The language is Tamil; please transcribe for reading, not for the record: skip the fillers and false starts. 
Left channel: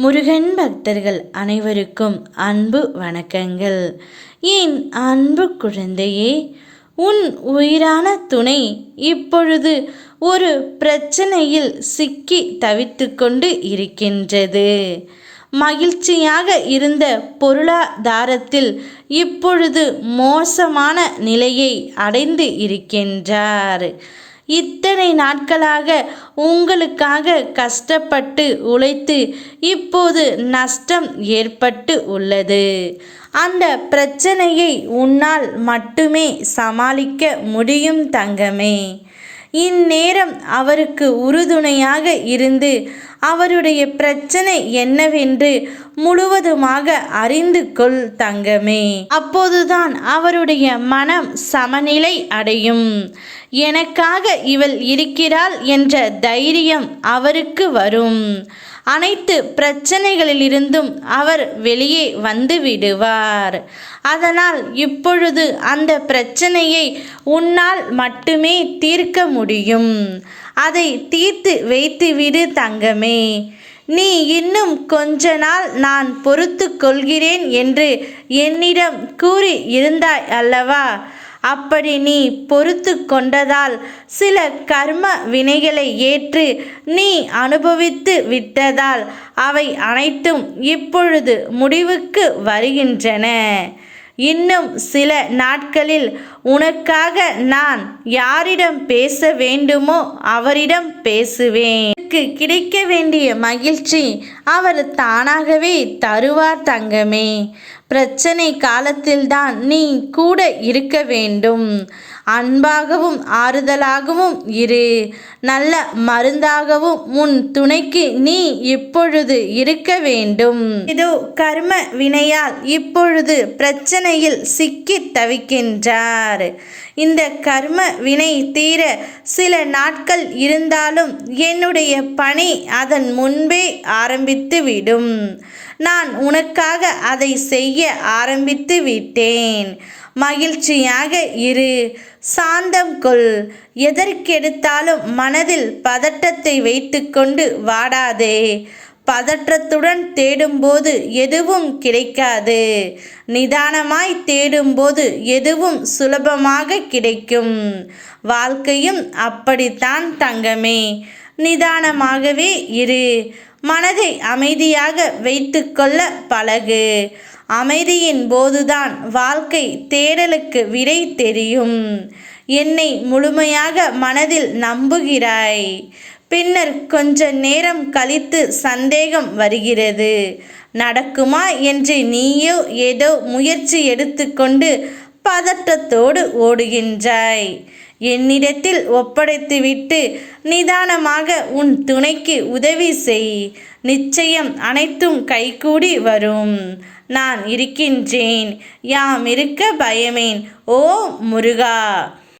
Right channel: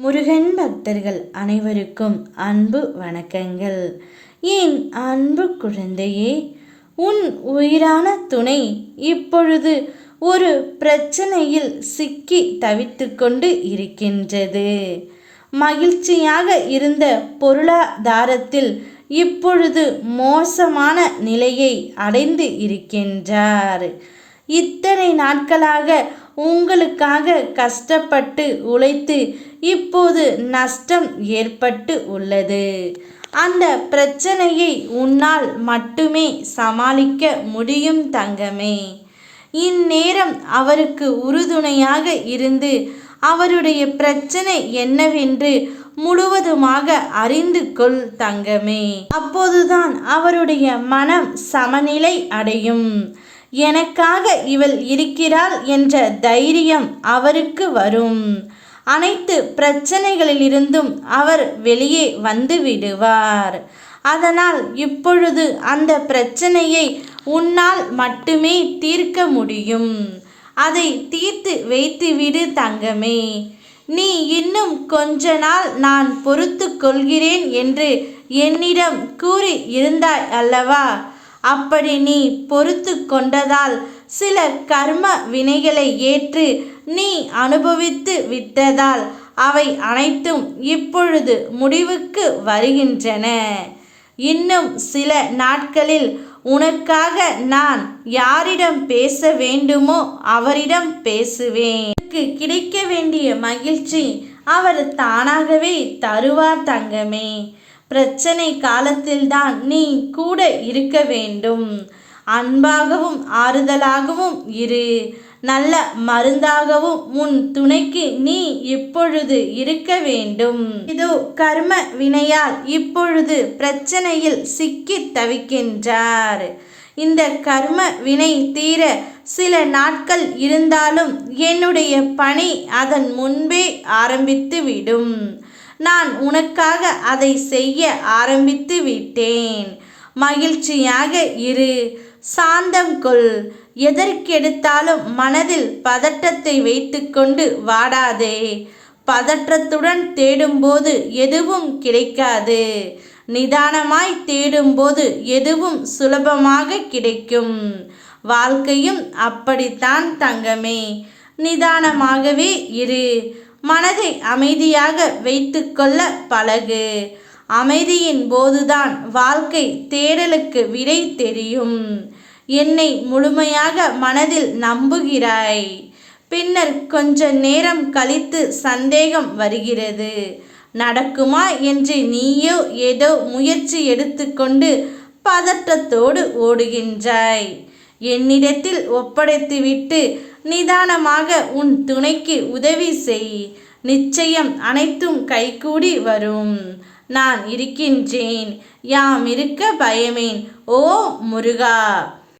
முருகன் பக்தர்கள் அனைவருக்கும் அன்பு வணக்கங்கள். என் அன்பு குழந்தையே, உன் உயிரான துணை இப்பொழுது ஒரு பிரச்சனையில் சிக்கி தவித்து கொண்டு இருக்கின்றது. மகிழ்ச்சியாக இருந்த பொருளாதாரத்தில் இப்பொழுது மோசமான நிலையை அடைந்து இருக்கின்றார். இத்தனை நாட்களாக உங்களுக்காக கஷ்டப்பட்டு உழைத்து இப்போது நஷ்டம் ஏற்பட்டு உள்ளது. அந்த பிரச்சனையை உன்னால் மட்டுமே சமாளிக்க முடியும் தங்கமே. இந்நேரம் அவருக்கு உறுதுணையாக இருந்து அவருடைய பிரச்சனை என்னவென்று முழுவதுமாக அறிந்து கொள் தங்கமே. அப்போதுதான் அவருடைய மனம் சமநிலை அடையும். எனக்காக இவள் இருக்கிறாள் என்ற தைரியம் அவருக்கு வரும். அனைத்து பிரச்சனைகளிலிருந்தும் அவர் வெளியே வந்து விடுவார். அதனால் இப்பொழுது அந்த பிரச்சனையை உன்னால் மட்டுமே தீர்க்க முடியும். அதை தீர்த்து வைத்துவிடு தங்கமே. நீ இன்னும் கொஞ்ச நாள் நான் பொறுத்து கொள்கிறேன் என்று என்னிடம் கூறி இருந்தாய் அல்லவா? அப்படி நீ பொறுத்து கொண்டதால் சில கர்ம வினைகளை ஏற்று நீ அனுபவித்து விட்டதால் அவை அனைத்தும் இப்பொழுது முடிவுக்கு வருகின்றன. இன்னும் சில நாட்களில் உனக்காக நான் யாரிடம் பேச வேண்டுமோ அவரிடம் பேசுவேன். உனக்கு கிடைக்க வேண்டிய மகிழ்ச்சி அவர் தானாகவே தருவார் தங்கமே. பிரச்சனை காலத்தில்தான் நீ கூட இருக்க வேண்டும். அன்பாகவும் ஆறுதலாகவும் இரு. நல்ல மருந்தாகவும் உன் துணைக்கு நீ இப்பொழுது இருக்க வேண்டும். இது கர்ம வினையால் இப்பொழுது பிரச்சனையில் சிக்கி தவிக்கின்றார். இந்த கர்ம வினை தீர சில நாட்கள் இருந்தாலும் என்னுடைய பணி அதன் முன்பே ஆரம்பித்து விடும். நான் உனக்காக அதை செய்ய ஆரம்பித்து விட்டேன். மகிழ்ச்சியாக இரு, சாந்தம் கொள். எதற்கெடுத்தாலும் மனதில் பதட்டத்தை வைத்துக்கொண்டு வாடாதே. பதற்றத்துடன் தேடும்போது எதுவும் கிடைக்காது. நிதானமாய் தேடும்போது எதுவும் சுலபமாக கிடைக்கும். வாழ்க்கையும் அப்படித்தான் தங்கமே. நிதானமாகவே இரு. மனதை அமைதியாக வைத்துக்கொள்ள பழகு. அமைதியின் போதுதான் வாழ்க்கை தேடலுக்கு விடை தெரியும். என்னை முழுமையாக மனதில் நம்புகிறாய். பின்னர் கொஞ்ச நேரம் கழித்து சந்தேகம் வருகிறது. நடக்குமா என்று நீயோ ஏதோ முயற்சி எடுத்துக்கொண்டு பதட்டத்தோடு ஓடுகின்றாய். என்னிடத்தில் ஒப்படைத்துவிட்டு நிதானமாக உன் துணைக்கு உதவி செய். நிச்சயம் அனைத்தும் கைகூடி வரும். நான் இருக்கின்றேன். யாம் இருக்க பயமேன். ஓ முருகா.